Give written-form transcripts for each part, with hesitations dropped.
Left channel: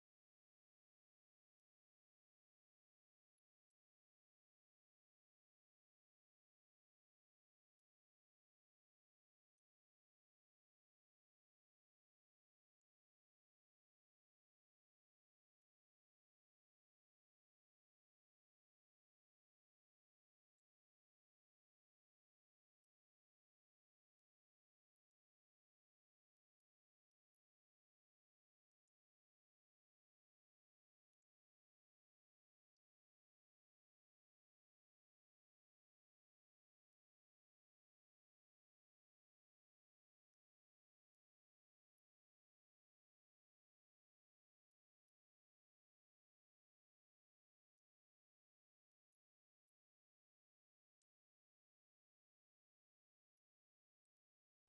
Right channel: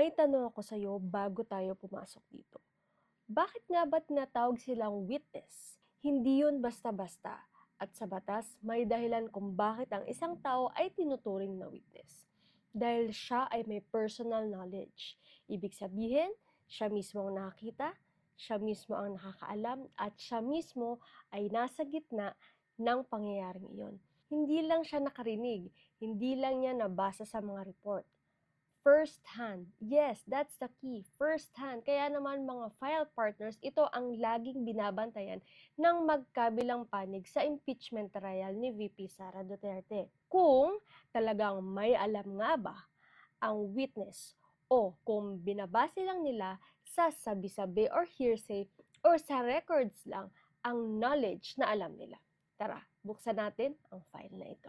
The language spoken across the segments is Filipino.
May tanong ako sa'yo bago tayo pumasok dito. Bakit nga ba tinatawag silang witness? Hindi yun basta-basta. At sa batas, may dahilan kung bakit ang isang tao ay tinuturing na witness. Dahil siya ay may personal knowledge. Ibig sabihin, siya mismo ang nakakita, siya mismo ang nakakaalam, at siya mismo ay nasa gitna ng pangyayaring iyon. Hindi lang siya nakarinig, hindi lang niya nabasa sa mga report. First hand. Yes, that's the key. First hand. Kaya naman mga file partners, ito ang laging binabantayan ng magkabilang panig sa impeachment trial ni VP Sara Duterte. Kung talagang may alam nga ba ang witness o kung binabase lang nila sa sabi-sabi or hearsay or sa records lang ang knowledge na alam nila. Tara, buksan natin ang file na ito.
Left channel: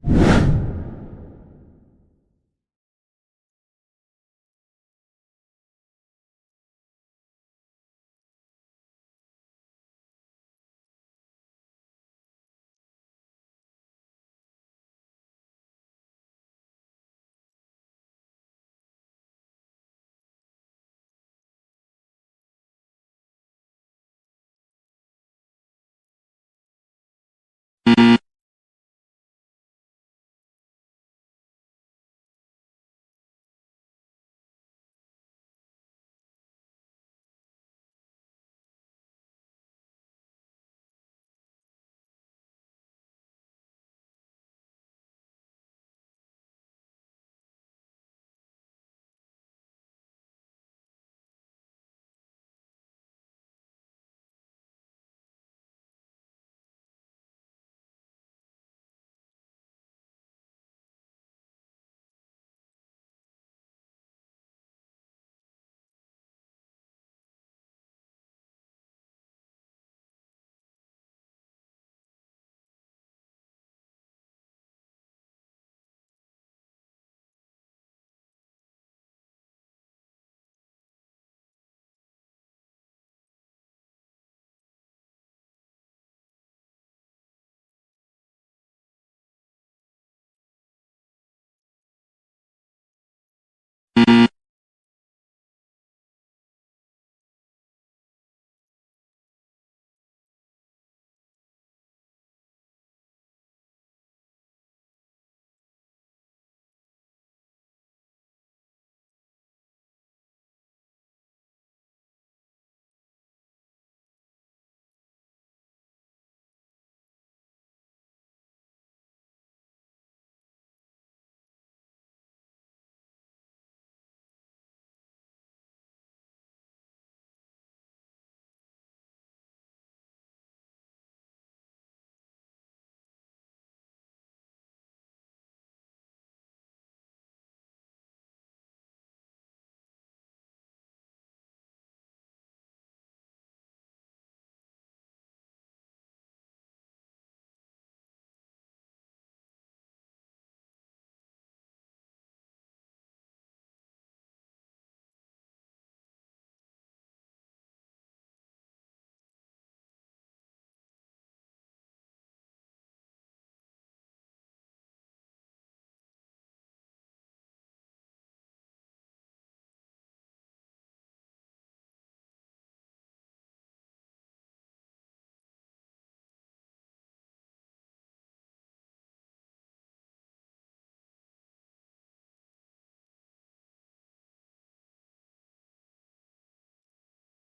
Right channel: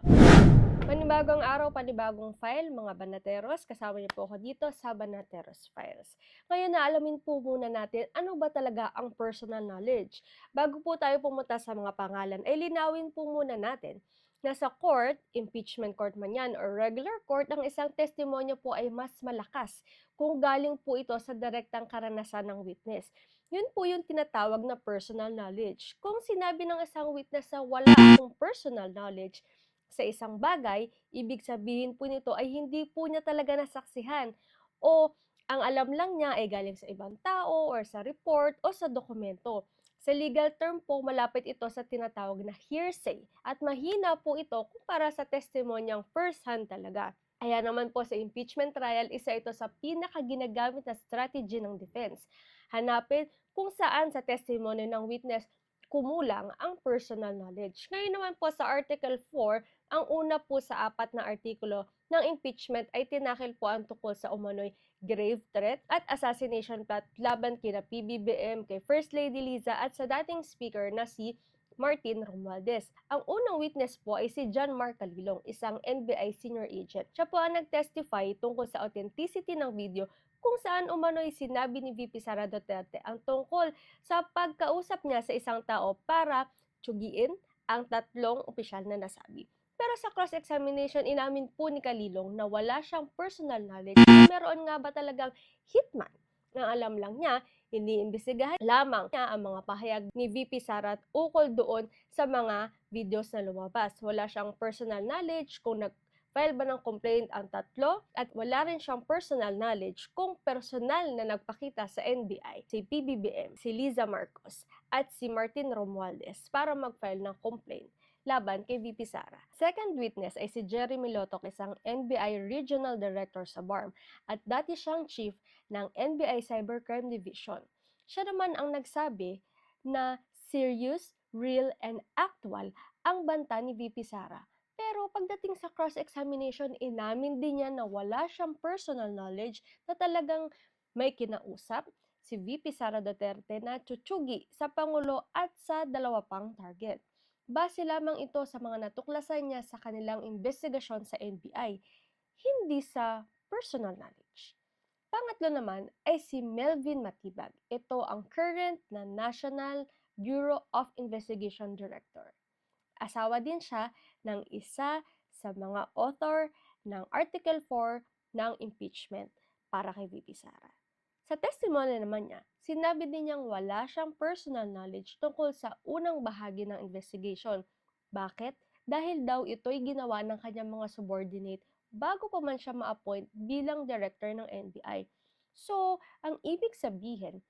Panibagong araw, panibagong file, mga Banateros. Kasama niyo po ako dito sa Banateros Files. Ngayon na alamin po muna natin ano ba talaga ang personal knowledge. Bago po tayo pumunta sa mga pangalan, ay linawin po muna natin na sa court, impeachment court man yan or regular court, ang isang testimonya po ay mas malakas kung galing po ito sa direktang karanasan ng witness. Yun po yung tinatawag na personal knowledge. Kung sinabi ng isang witness na wala akong personal knowledge sa isang bagay, ibig sabihin po nito ay hindi po niya talaga nasaksihan o ang alam lang niya ay galing sa ibang tao or sa report o sa dokumento. Sa legal term po, malapit ito sa tinatawag na hearsay at mahina po ito kumpara sa testimonyang first hand talaga. Kaya naman po sa impeachment trial, isa ito sa pinakaginagamit na strategy ng defense. Hanapin kung saan sa testimony ng witness kumulang ang personal knowledge. Ngayon naman po sa Article 4, ang una po sa 4 na artikulo ng impeachment ay tinakil po ang tungkol sa umano'y grave threat at assassination plot laban kina PBBM, kay First Lady Liza at sa dating speaker na si Martin Romualdez. Ang unang witness po ay si John Mark Calilong, isang NBI senior agent. Siya po ang nag-testify tungkol sa authenticity ng video kung saan umano'y sinabi ni VP Sara Duterte ang tungkol sa pagkausap niya sa isang tao para tsugiin ang tatlong opisyal na nasabi. Pero sa cross-examination, inamin po ni Calilong na wala siyang personal knowledge. Meron nga ba talagang hitman? Ang alam lang niya, iniimbestigahan lamang niya ang mga pahayag ni VP Sara at ukol doon sa mga videos na lumabas. Wala siyang personal knowledge kung nag-file ba ng complaint ang tatlo at wala rin siyang personal knowledge kung personal na nagpakita sa NBI si PBBM, si Liza Marcos at si Martin Romualdez para mag-file ng complaint laban kay VP Sara. Second witness ay si Jeremy Lotoc, isang NBI Regional Director sa BARM at dati siyang chief ng NBI Cybercrime Division. Siya naman ang nagsabi na serious, real, and actual ang banta ni VP Sara. Pero pagdating sa cross-examination, inamin din niya na wala siyang personal knowledge na talagang may kinausap si VP Sara Duterte na tsutsugi sa Pangulo at sa dalawa pang target. Base lamang ito sa mga natuklasan niya sa kanilang investigasyon sa NBI, hindi sa personal knowledge. Pangatlo naman ay si Melvin Matibag. Ito ang current na National Bureau of Investigation Director. Asawa din siya ng isa sa mga author ng Article 4 ng impeachment para kay VP Sara. Sa testimony naman niya, sinabi din niyang wala siyang personal knowledge tungkol sa unang bahagi ng investigation. Bakit? Dahil daw ito'y ginawa ng kanyang mga subordinate bago pa man siya ma-appoint bilang director ng NBI. So, ang ibig sabihin,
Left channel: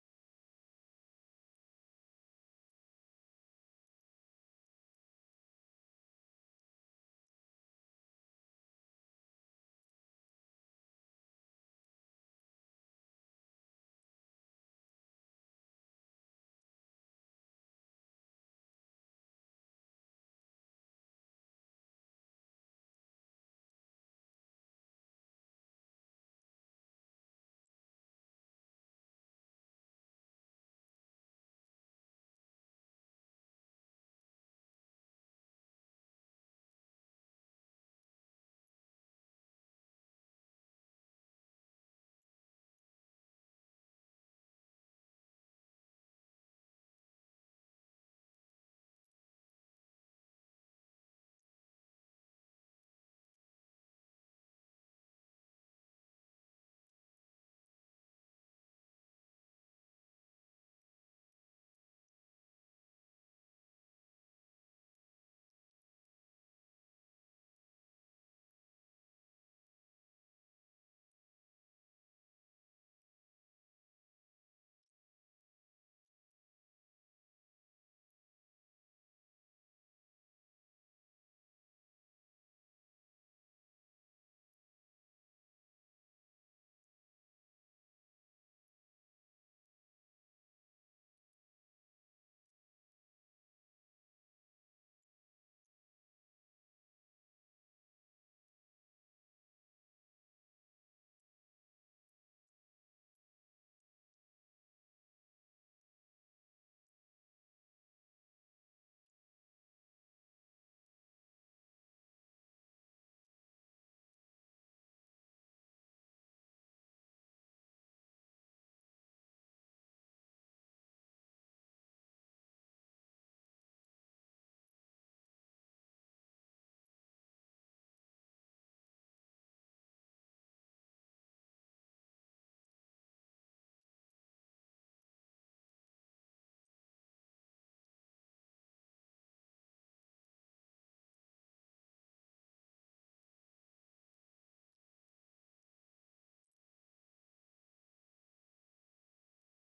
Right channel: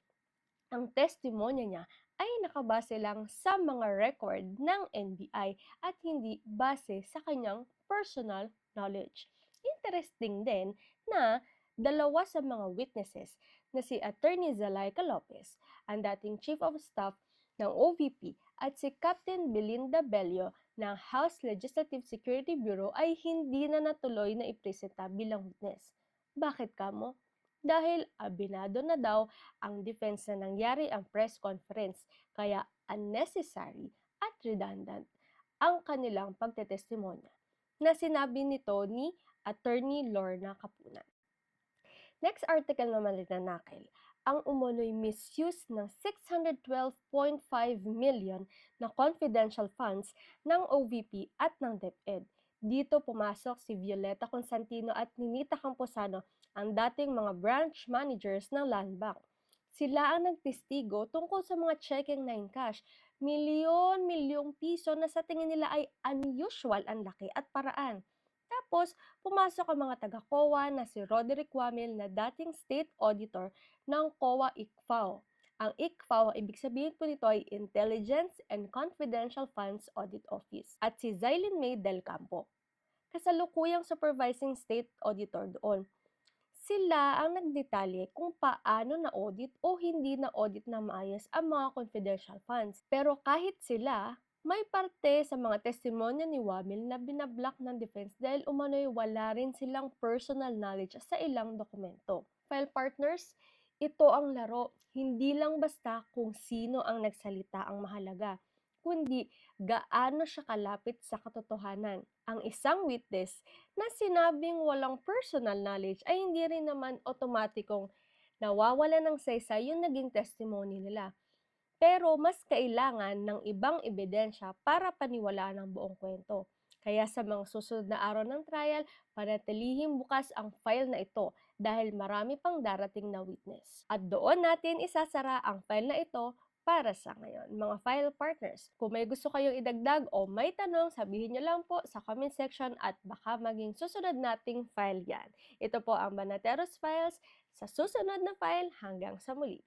ang testimonya niya ay nakabase lang sa mga record ng NBI at hindi base sa kanyang personal knowledge. Interesting din na dalawa sa mga witnesses na si Attorney Zalaika Lopez, ang dating Chief of Staff ng OVP, at si Captain Belinda Bello ng House Legislative Security Bureau ay hindi na natuloy na ipresenta bilang witness. Bakit kamo? Dahil abinado na daw ang defense na nangyari ang press conference, kaya unnecessary at redundant ang kanilang pagtetestimonya na sinabi nito ni Attorney Lorna Capunan. Next article naman linanakil ang umunoy misuse ng 612.5 million na confidential funds ng OVP at ng DepEd. Dito pumasok si Violeta Constantino at Ninita Camposano, ang dating mga branch managers ng Land Bank. Sila ang nagtestigo tungkol sa mga checking na in cash, milyon-milyong piso na sa tingin nila ay unusual ang laki at paraan. Tapos, pumasok ang mga taga-COA na si Roderick Wamil na dating state auditor ng COA ICFAO. Ang ICFAO, ang ibig sabihin po nito ay Intelligence and Confidential Funds Audit Office. At si Zylene May Del Campo, kasalukuyang supervising state auditor doon. Sila ang nagdetalye kung paano na-audit o hindi na-audit na maayos ang mga confidential funds. Pero kahit sila, may parte sa mga testimonya ni Wamil na binablock ng defense dahil umano'y wala rin silang personal knowledge sa ilang dokumento. File partners, ito ang laro. Hindi lang basta kung sino ang nagsalita ang mahalaga, kundi gaano siya kalapit sa katotohanan. Ang isang witness na sinabing walang personal knowledge ay hindi rin naman otomatikong nawawala ng saysay yung naging testimony nila. Pero mas kailangan ng ibang ebidensya para paniwalaan ang buong kwento. Kaya sa mga susunod na araw ng trial, panatilihing bukas ang file na ito dahil marami pang darating na witness. At doon natin isasara ang file na ito para sa ngayon. Mga file partners, kung may gusto kayong idagdag o may tanong, sabihin nyo lang po sa comment section at baka maging susunod nating file yan. Ito po ang Banateros Files. Sa susunod na file, hanggang sa muli.